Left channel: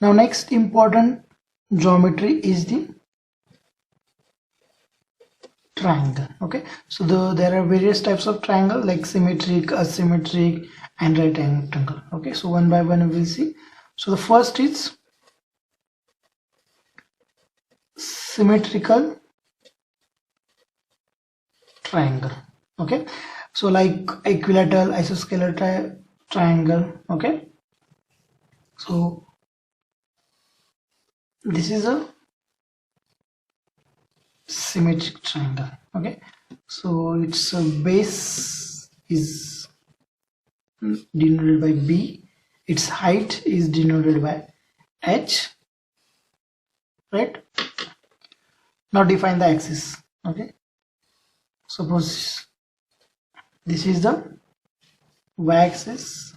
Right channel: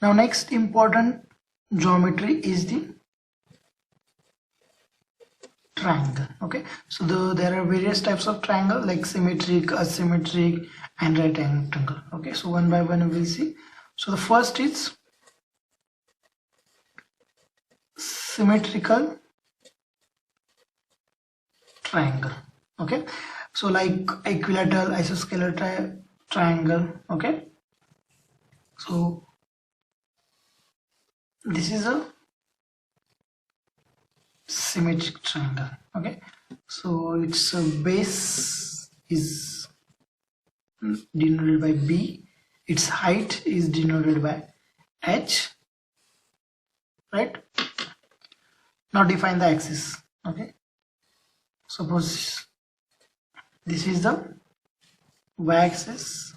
Now next important geometry is the triangle. Okay, so there are various types of triangle like symmetric, asymmetric, and right angle triangle. Okay, so one by one we will see. So the first is symmetrical triangle. Okay, so like equilateral, isosceles triangle. Okay, so this is a symmetric triangle. Okay, so its base is denoted by B, its height is denoted by H, right? Now define the axis. Okay, suppose this is the y-axis,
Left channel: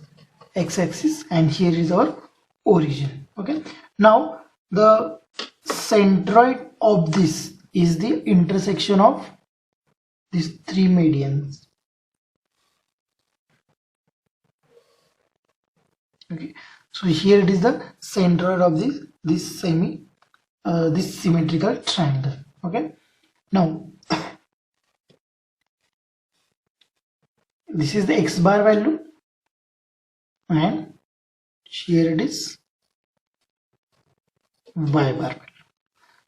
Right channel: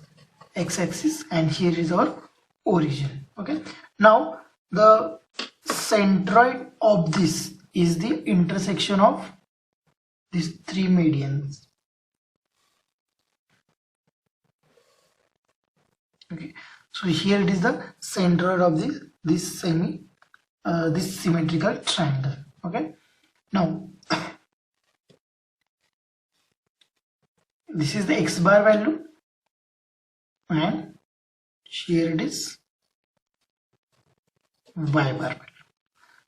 x-axis, and here is our origin. Okay, now the centroid of this is the intersection of these three medians. Okay, so here it is the centroid of this symmetrical triangle. Okay, now this is the x bar value, and here it is y bar value.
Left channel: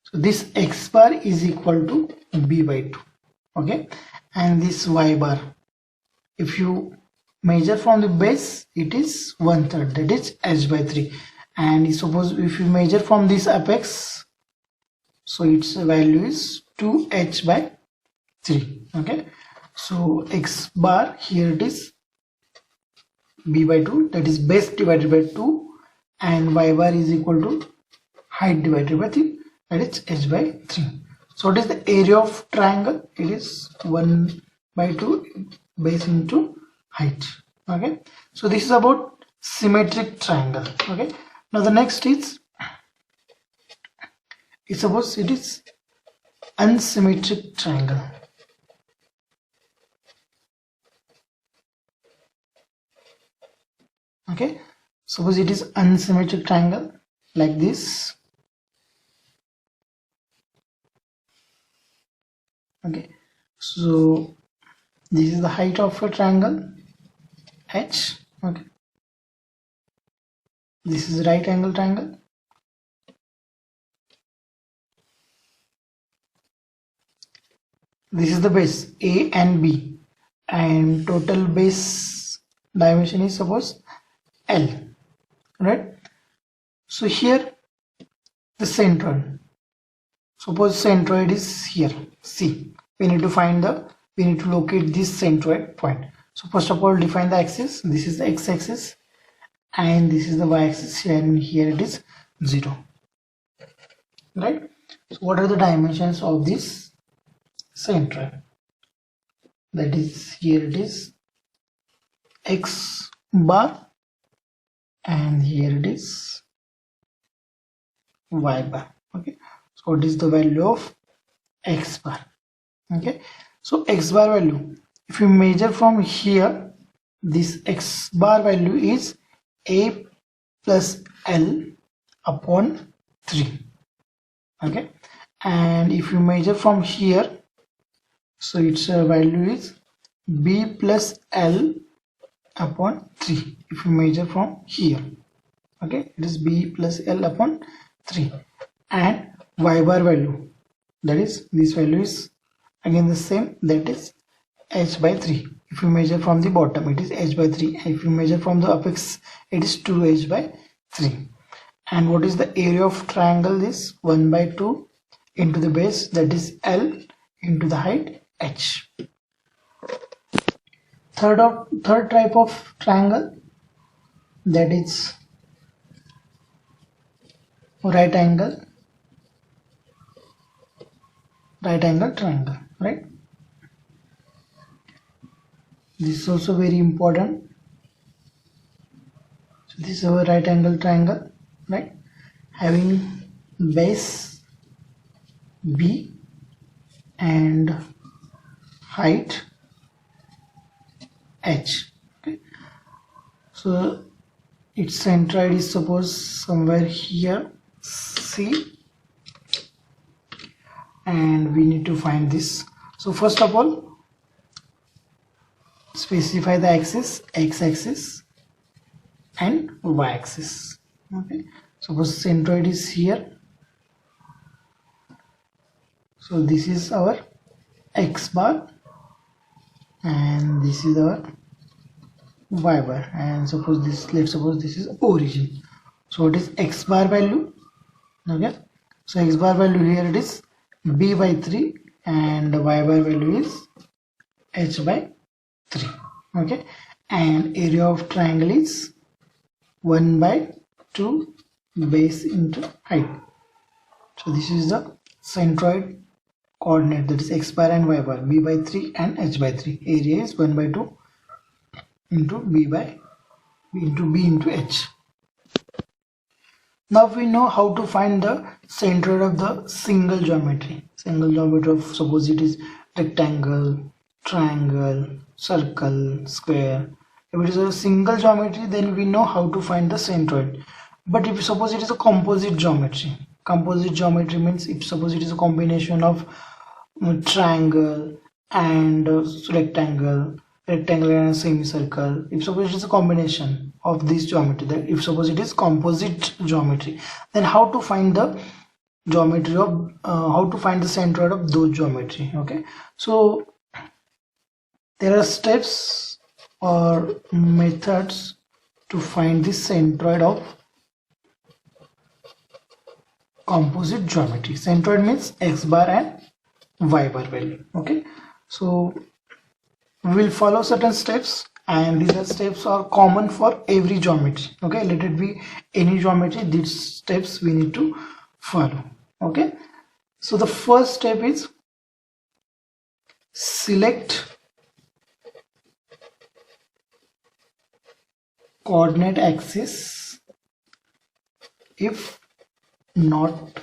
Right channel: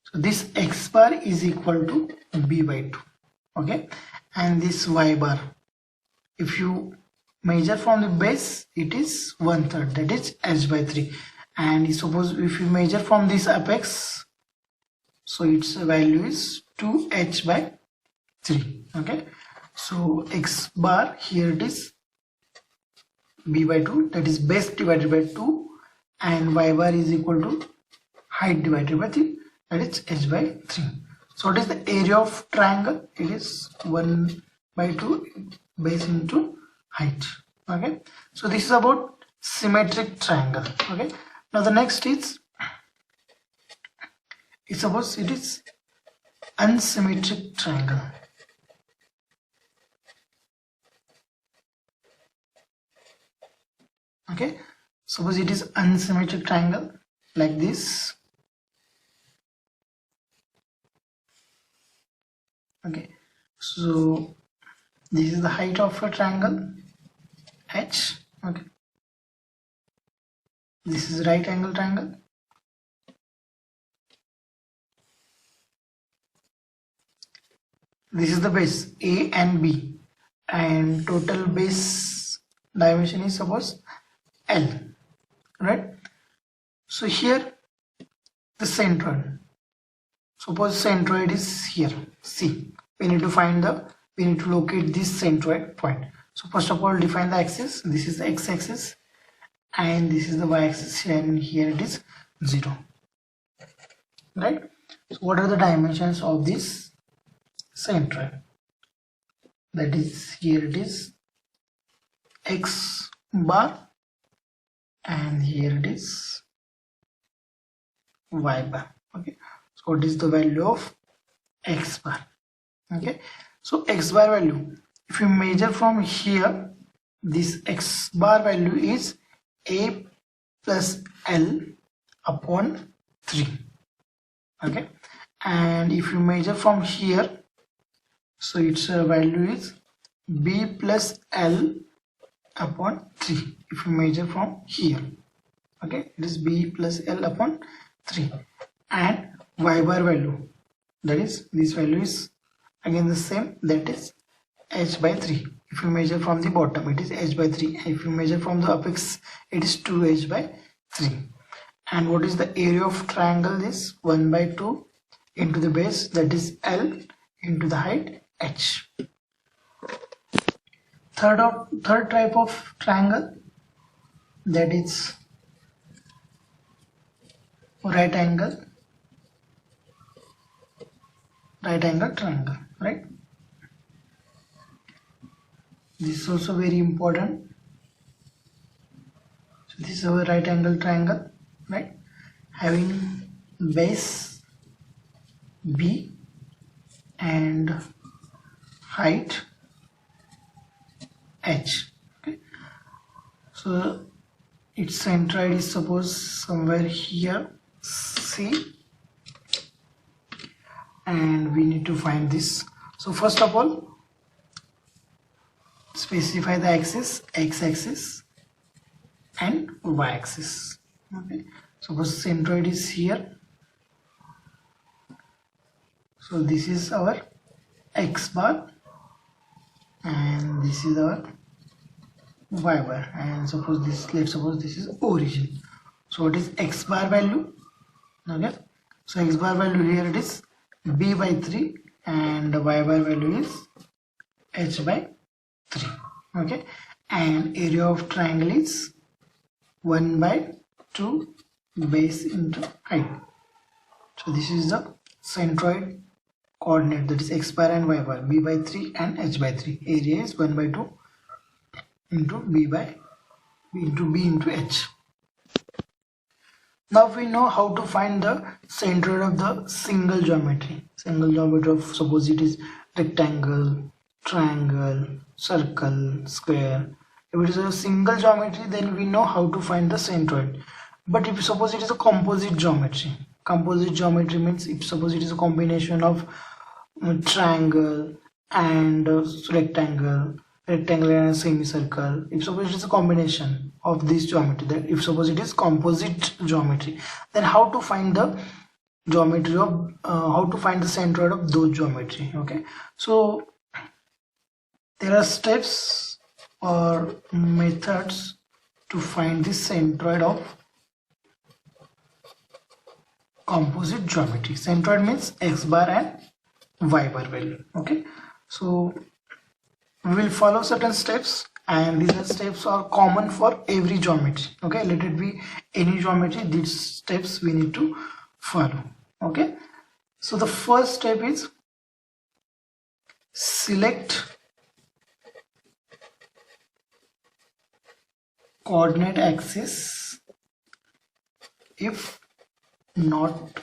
So this x bar is equal to b by 2. Okay, and this y bar, if you measure from the base, it is 1/3, that is h by 3. And suppose if you measure from this apex, so its value is 2h by 3. Okay, so x bar, here it is b by 2, that is base divided by 2, and y bar is equal to height divided by 3, that is h by 3. So what is the area of triangle? It is 1 by 2 base into height. Okay, so this is about symmetric triangle. Okay, now the next is, suppose it is unsymmetric triangle. Okay, suppose it is unsymmetric triangle like this. Okay, so this is the height of a triangle H. Okay, this is right angle triangle. This is the base A and B, and total base dimension is suppose L, right? So here the centroid, suppose centroid is here C. We need to locate this centroid point. So first of all, define the axis. This is the x-axis and this is the y-axis, and here it is 0, right? So what are the dimensions of this centroid? That is, here it is x bar and here it is y bar. Okay, so what is the value of x bar? Okay, so x bar value, if you measure from here, this x bar value is a plus l upon 3. Okay, and if you measure from here, so its value is b plus l upon 3. If you measure from here, okay, it is b plus l upon 3. And y bar value, that is, this value is again the same, that is h by 3. If you measure from the bottom, it is h by 3. If you measure from the apex, it is 2h by 3. And what is the area of triangle? Is 1 by 2 into the base, that is L, into the height h. Third type of triangle, that is right angle triangle, right? This is also very important. So this is our right angle triangle, right? Having base B and height h. Okay, so its centroid is suppose somewhere here, C, and we need to find this. So first of all, specify the axis, x-axis and y-axis. Okay, suppose centroid is here, so this is our x bar and this is our y bar, and suppose this, let's suppose this is origin. So it is x bar value. Okay, so x bar value here it is b by 3 and the y bar value is h by 3. Okay, and area of triangle is 1 by 2 base into height. So this is the centroid coordinate, that is x bar and y bar, b by 3 and h by 3. Area is 1 by 2 into b into h. Now we know how to find the centroid of the single geometry. Single geometry of, suppose it is rectangle, triangle, circle, square. If it is a single geometry, then we know how to find the centroid. But if suppose it is a composite geometry means if suppose it is a combination of triangle and rectangle and a semicircle, if suppose it is a combination of this geometry, then if suppose it is composite geometry, then how to find the geometry of how to find the centroid of those geometry. Okay, so there are steps or methods to find the centroid of composite geometry. Centroid means x bar and y bar value. Okay, so we will follow certain steps, and these steps are common for every geometry. Okay, let it be any geometry, these steps we need to follow. Okay, so the first step is select coordinate axis if not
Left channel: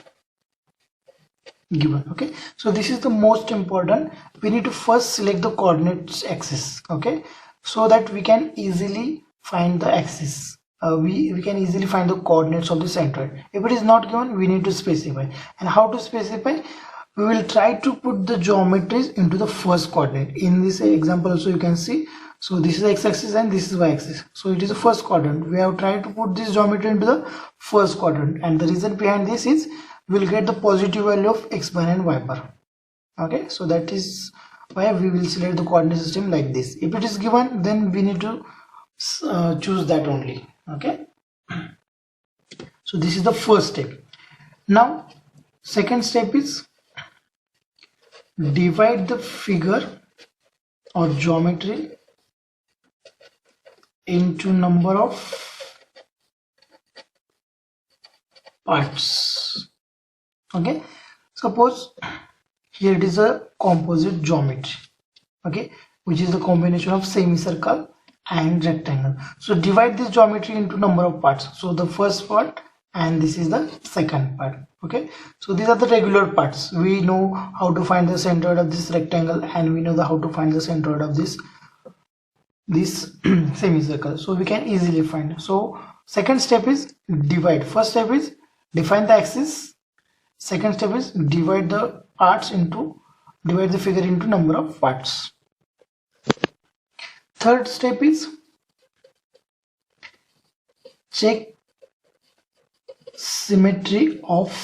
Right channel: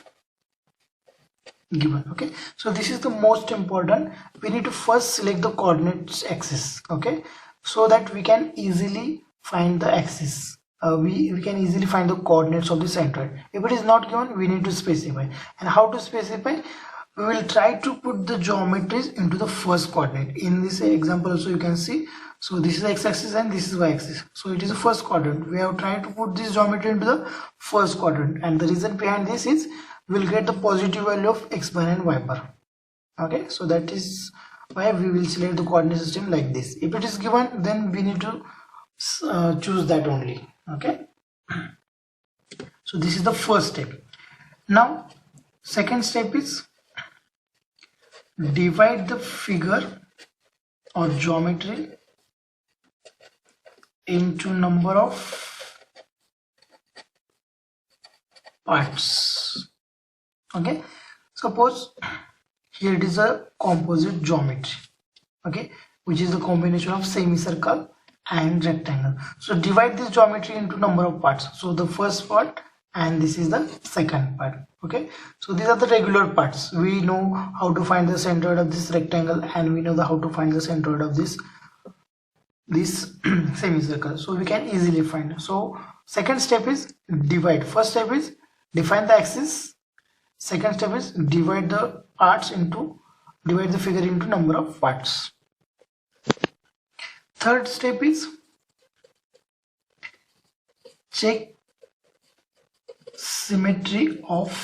given. Okay, so this is the most important. We need to first select the coordinates axis. Okay, so that we can easily find the axis. We can easily find the coordinates of the centroid. If it is not given, we need to specify. And how to specify? We will try to put the geometries into the first coordinate. In this example also you can see, so this is x-axis and this is y-axis, so it is the first quadrant. We have tried to put this geometry into the first quadrant, and the reason behind this is we'll get the positive value of x bar and y bar. Okay, so that is why we will select the coordinate system like this. If it is given, then we need to choose that only. Okay, so this is the first step. Now second step is divide the figure or geometry into number of parts. Okay, suppose here it is a composite geometry, okay, which is the combination of semicircle and rectangle. So divide this geometry into number of parts. So the first part and this is the second part. Okay, so these are the regular parts. We know how to find the centroid of this rectangle, and we know how to find the centroid of this semicircle, so we can easily find. So second step is divide. First step is define the axis. Second step is divide the figure into number of parts. Third step is check symmetry of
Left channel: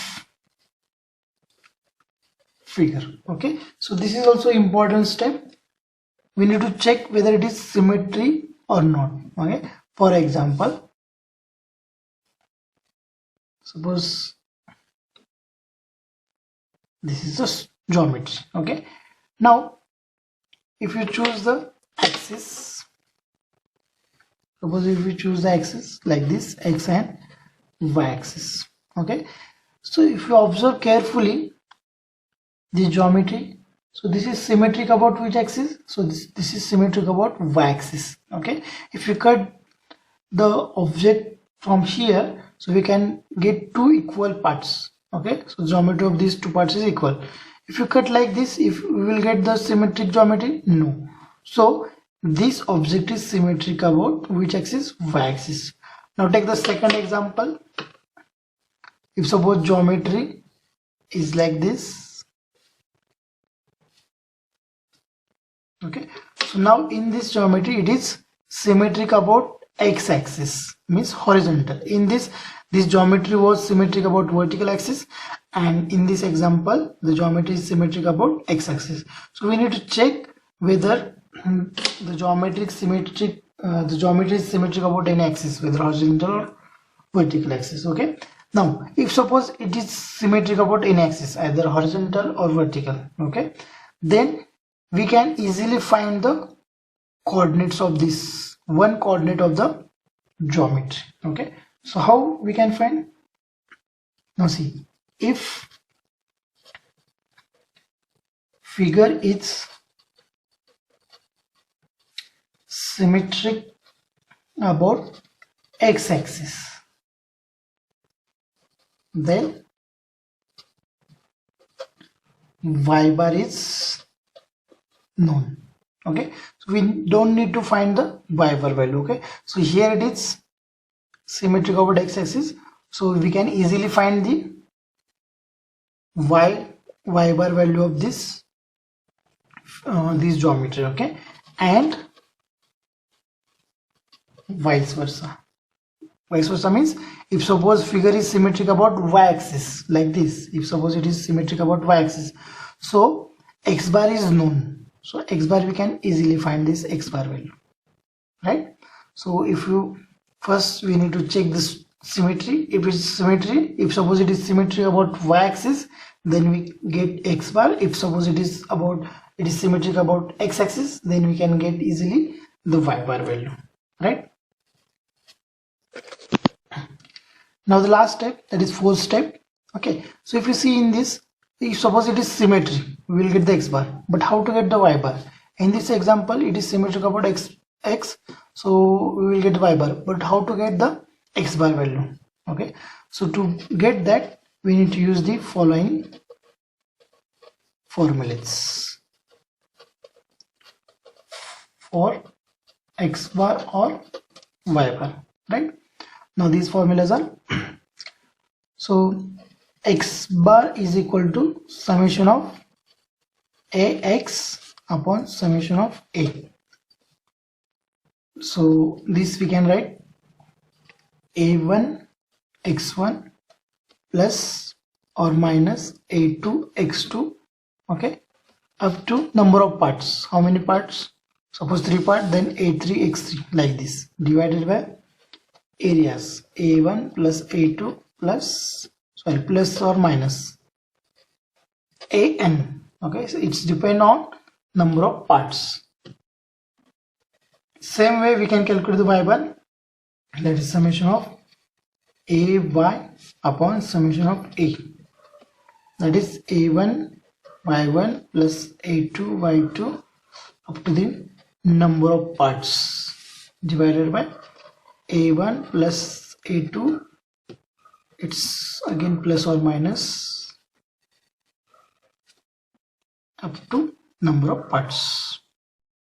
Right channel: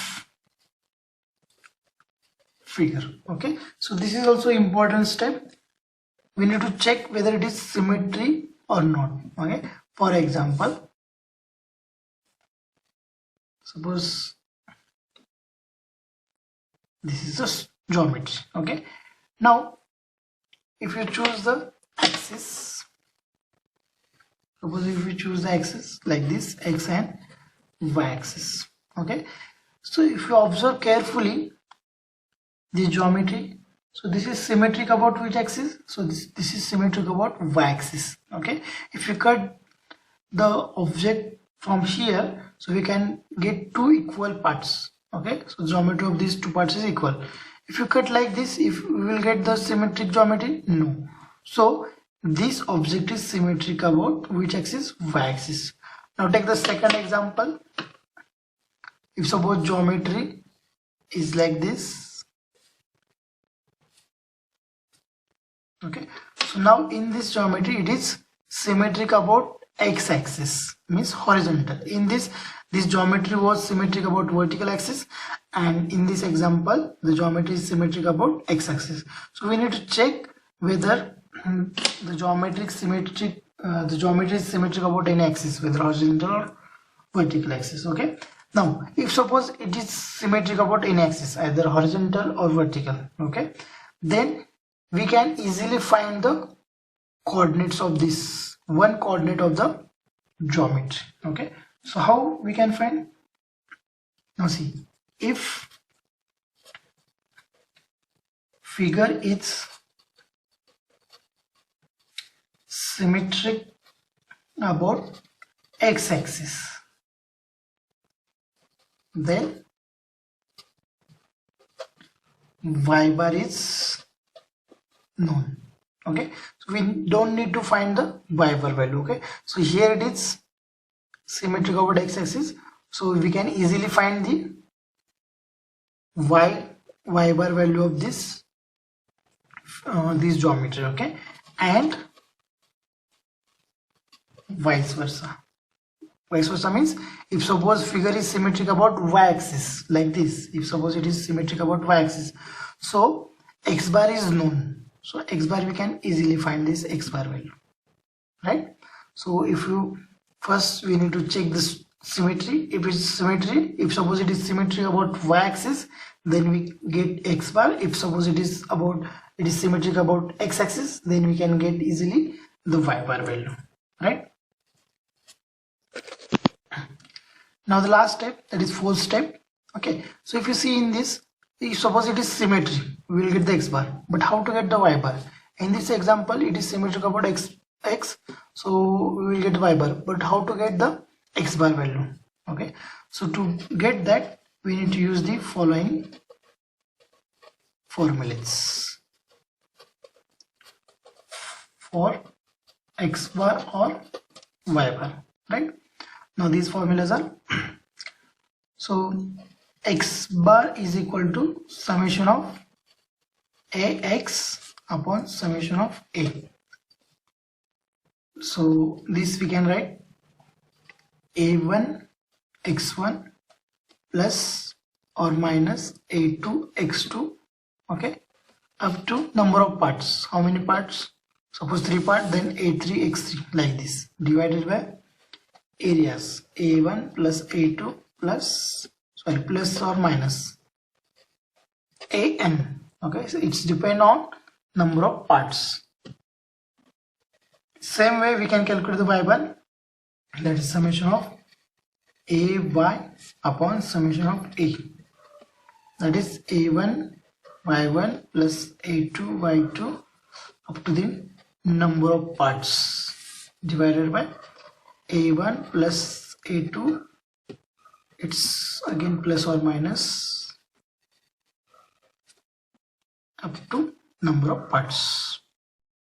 figure. Okay, so this is also important step. We need to check whether it is symmetry or not. Okay, for example, suppose this is the geometry. Okay, now if you choose the axis, suppose if we choose the axis like this, x and y axis. Okay, so if you observe carefully the geometry, so this is symmetric about which axis? So this is symmetric about y axis. Okay, if you cut the object from here, so we can get two equal parts. Okay, so geometry of these two parts is equal. If you cut like this, if we will get the symmetric geometry? No. So this object is symmetric about which axis? Y axis. Now take the second example. If suppose geometry is like this, okay, so now in this geometry it is symmetric about x-axis, means horizontal. In this geometry was symmetric about vertical axis, and in this example the geometry is symmetric about x-axis. So we need to check whether the geometry is symmetric about any axis, whether horizontal or vertical axis. Okay, now if suppose it is symmetric about any axis, either horizontal or vertical, okay, then we can easily find the coordinates of this one coordinate of the geometry. Okay, so how we can find? Now see, if figure is symmetric about x-axis, then y bar is known. Okay, so we don't need to find the y bar value. Okay, so here it is symmetric over x-axis, so we can easily find the y bar value of this geometry. Okay, and vice versa. Vice versa means if suppose figure is symmetric about y-axis like this, if suppose it is symmetric about y-axis, so x bar is known. So x bar we can easily find this x bar value, right? So if you first we need to check this symmetry. If it's symmetry, if suppose it is symmetry about y-axis, then we get x bar. If suppose it is symmetric about x-axis, then we can get easily the y bar value, right? Now the last step, that is fourth step. Okay, so if you see in this, if suppose it is symmetry, we will get the x bar, but how to get the y bar? In this example it is symmetric about x, so we will get y bar, but how to get the x bar value? Okay, so to get that we need to use the following formulas for x bar or y bar, right? Now these formulas are so x bar is equal to summation of ax upon summation of a. So this we can write a1 x1 plus or minus a2 x2, okay, up to number of parts. How many parts? Suppose 3 parts, then a3 x3, like this, divided by areas a1 plus a2 plus or minus an. Okay, so it's depend on number of parts. Same way we can calculate the y bar, that is summation of ay upon summation of a, that is a1 y1 plus a2 y2 up to the number of parts, divided by a1 plus a2, it's again plus or minus up to number of parts.